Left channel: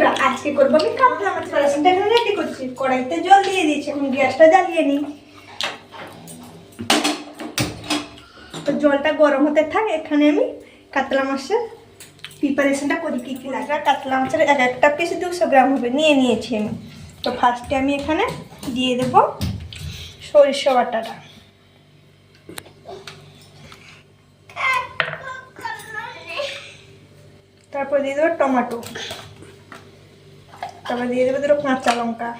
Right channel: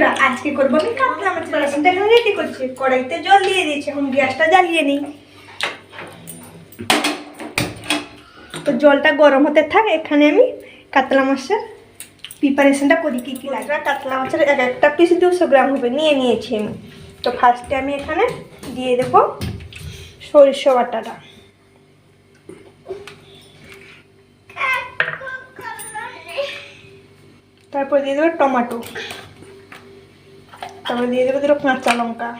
বন্ধুরা আজকে করবো আমি কাতলা মাছের রেসিপিটা এখন রেডি করছি। কড়াইতে জল দিয়ে দিয়েছি, এখন গ্যাসটা জ্বালিয়ে নিই। তো জলটা গরম হতে থাক, এখানে আমি কাতলা মাছের প্রিপারেশনটা করি। কী কী লাগবে, কাতলা মাছের এক একটা পিস 200 গ্রাম হবে নিয়ে নিয়েছি আমি। তো ফার্স্টে আমি এখানে দিয়ে দেবো সরিষা বাটাটা, তারপর দিয়ে দেবো টমেটো, তারপর দিয়ে দেবো দুটো কাঁচা লঙ্কা,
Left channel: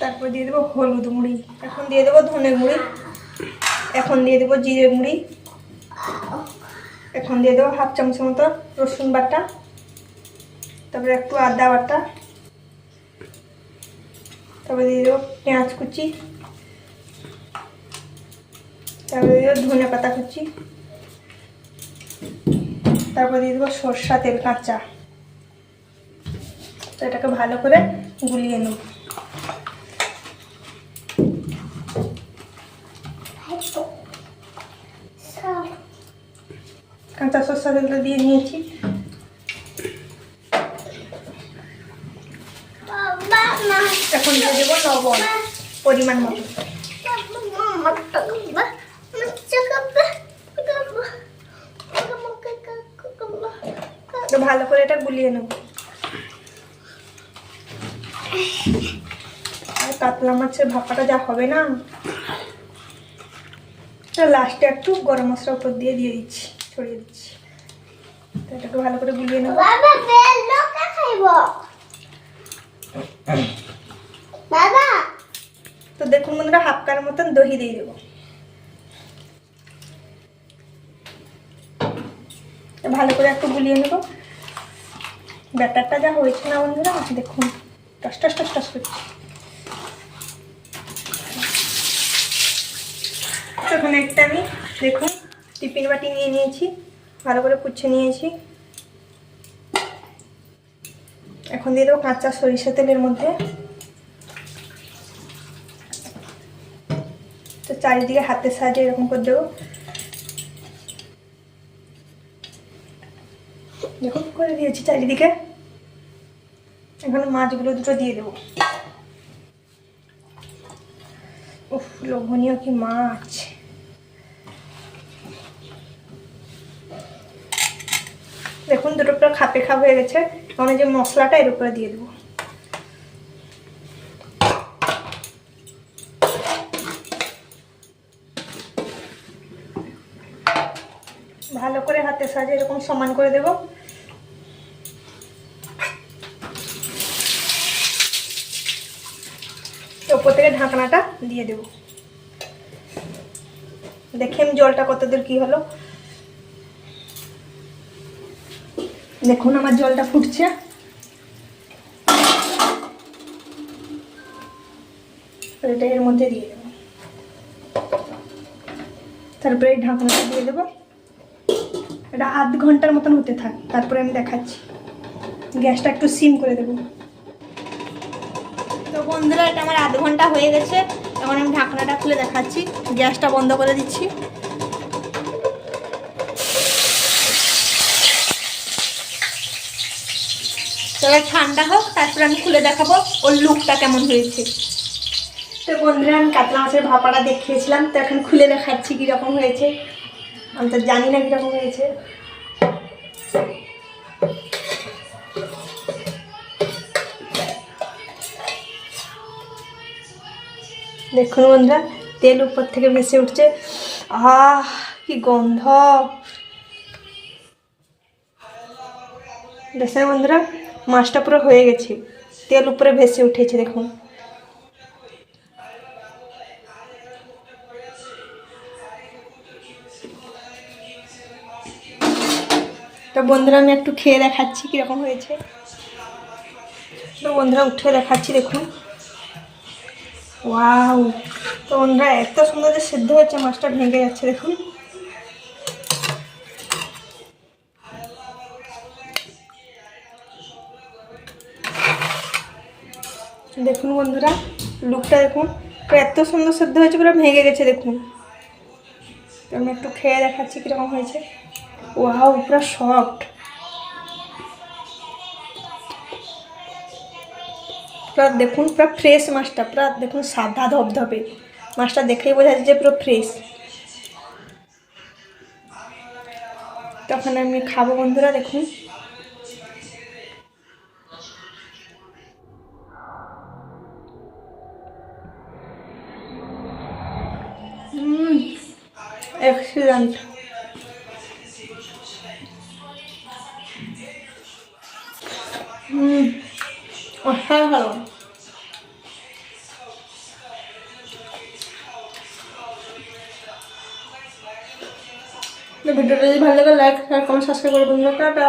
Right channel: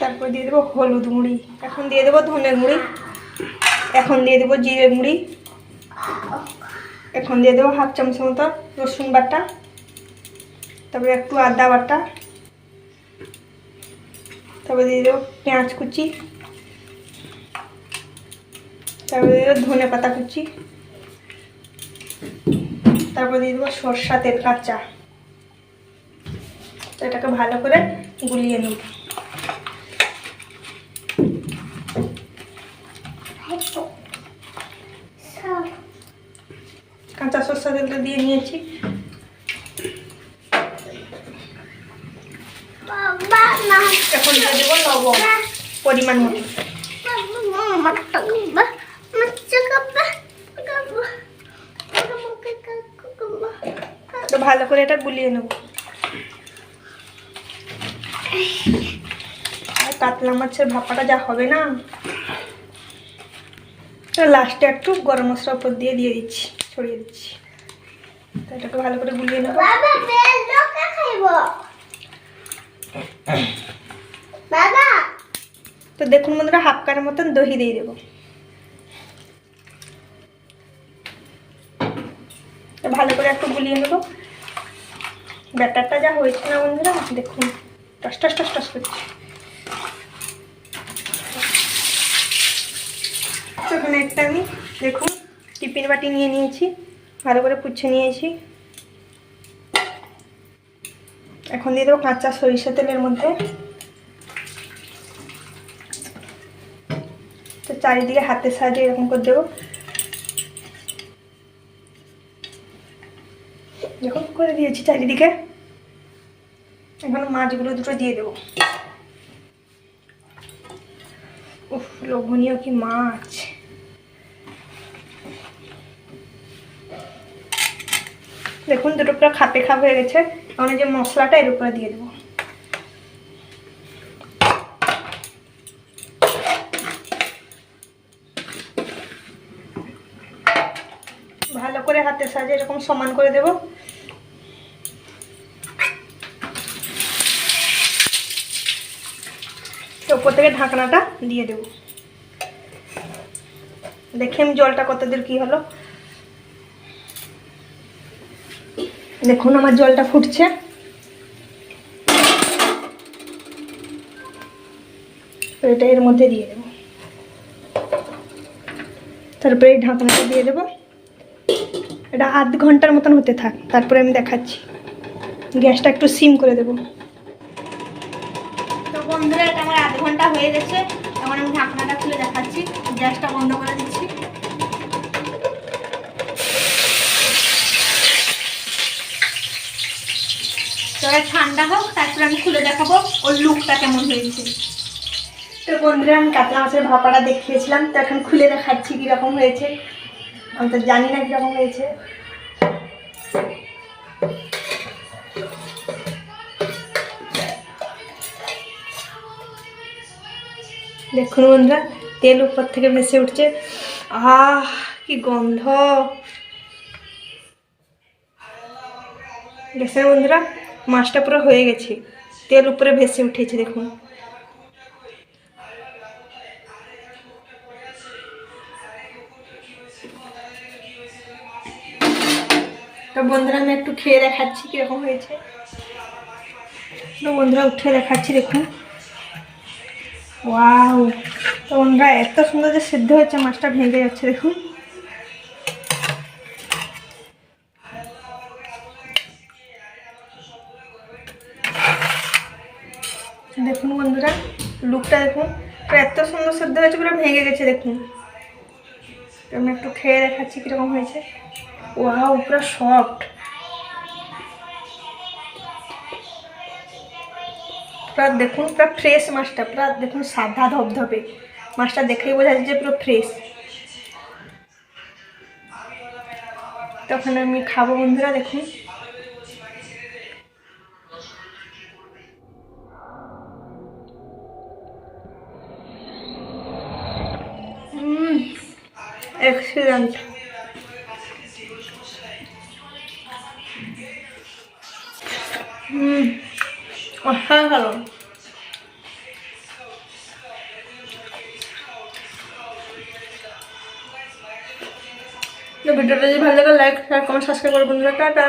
তারপর দিয়ে দেবো হলুদ গুঁড়ি, এখন দিয়ে দেবো ধনে গুঁড়ি, এখন দিয়ে দেবো জিরে গুঁড়ি, এখন দিয়ে দেবো হাফ চামচ মতো রসুন বাটা, তারপরে একটু আদা বাটা, তারপরে দিয়ে দেবো পেঁয়াজ কুচি, তারপরে দিয়ে দেবো ধনে পাতা কুচি, তারপর দিয়ে দেবো সরষা তেল কাঁচা। তো এটাকে ভালো করে গুলিয়ে নিই। কাঁচা সরষা তেলটা দিয়ে নিয়েছি। এখন দিয়ে দেবো লবণ পরিমাণ মতো। তো ভালো করে এটা গুলিয়ে নেব। আর কাতলা মাছের ভাপাটা যা হবে না, লাস্টে একটু গরম মশলা উপর দিয়ে দিচ্ছি, ছড়িয়ে দিচ্ছি। তো এটাকে ভালো করে গুলিয়ে নেব। তো দেখুন বন্ধুরা, হাফ কাপ মতন দহি দিয়ে দেবো। ভালো করে একটু গুলিয়ে নেব। ব্যাটারটা যা হয়েছে না বন্ধুরা, দেখুন টস টস টস টস করছে। এখানে একটা আমি দেখুন টিফিন বাটি নিয়ে নিয়েছি, ভালো করে পুছে নিয়েছি। এখন দিয়ে দেবো কাঁচা সরিষা তেলের মধ্যে। তো চারিদিকে হাতের সাহায্যে এরকম করে দেবো। দেখুন করে দিয়েছি চারিদিকে। এখন মাছগুলো দুটো দিয়ে দেবো। উফ, লোভনীয় কি মাছ! দেখুন দুটো পুরো খাপে খাপ হয়ে গেছে। এখন যে মশলাটা এর উপরে দিয়ে দেবো। ভালো করে হাতের সাহায্যে এরকম সমান করে দেবো। উপর থেকে ঢাকনাটা দিয়ে দেবো। দেখি আমি জলটা কত দূর কি হলো। দেখুন আমার জলটা ফুটছে। এটা এর মধ্যে দিয়ে দেবো। তারপরে এই ঢাকনাটা দিয়ে দেবো। এটা আধ ঘন্টার মতন হতে থাক, তারপরে আমি দেখাচ্ছি। গ্যাসটা একটু সিম করে দেবো। তো বন্ধুরা, এটা আমার আধ ঘন্টা হয়ে গেছে। এখন আমি ঢাকনাটা খুলে দেখাচ্ছি। গ্যাসটা বন্ধ করে দিচ্ছি। তবে ঠান্ডা হোক, তারপরে আমি খুলে দেখাবো ওর লুকটা কেমন হয়েছে। তো বন্ধুরা, আমি কাতলা মাছের ভাপাটা দেখিয়েছিলাম, তো এখন খুলে দেখাচ্ছি কীরকম হয়েছে। আমি তো জানি না কীরকম হয়েছে। দেখুন বন্ধুরা, তেল উপর থেকে ভেসে উঠছে। আহ, কি গন্ধ! দেখছেন বন্ধুরা, মাছটা পুরো হয়ে গেছে, তেল উপরে ভেসে উঠেছে। দেখুন তো বন্ধুরা, আমি একটু খেয়ে দেখাচ্ছি কীরকম হয়েছে। তো বন্ধুরা, উঠে দেখাচ্ছি। দেখুন, ওয়াও! তো বন্ধুরা, এত সুন্দর যে সিদ্ধ হয়েছে, মাছটা ভেঙে যাচ্ছে। দেখুন দেখুন বন্ধুরা, লুকটা দেখুন, এত সুন্দর সিদ্ধ হয়েছে, পুরো ভেঙে গেছে। দেখুন, আমি একটু খেয়ে দেখাচ্ছি কীরকম হয়েছে। ওয়াও, পুরো সফট। পুরা দেখুন, পুরা ফ্রেশ মাছটা, পুরা দেখুন সাদা ধবধবে মাছটা, দেখেই বোঝা যাচ্ছে যে পুরো ফ্রেশ। তখন আমি খাবো বন্ধুরা, দেখুন। এক্সিলেন্ট। অসাধারণ। ভিডিওটা যদি ভালো লাগে লাইক শেয়ার কমেন্ট সাবস্ক্রাইব করে বন্ধুরা, টাটা।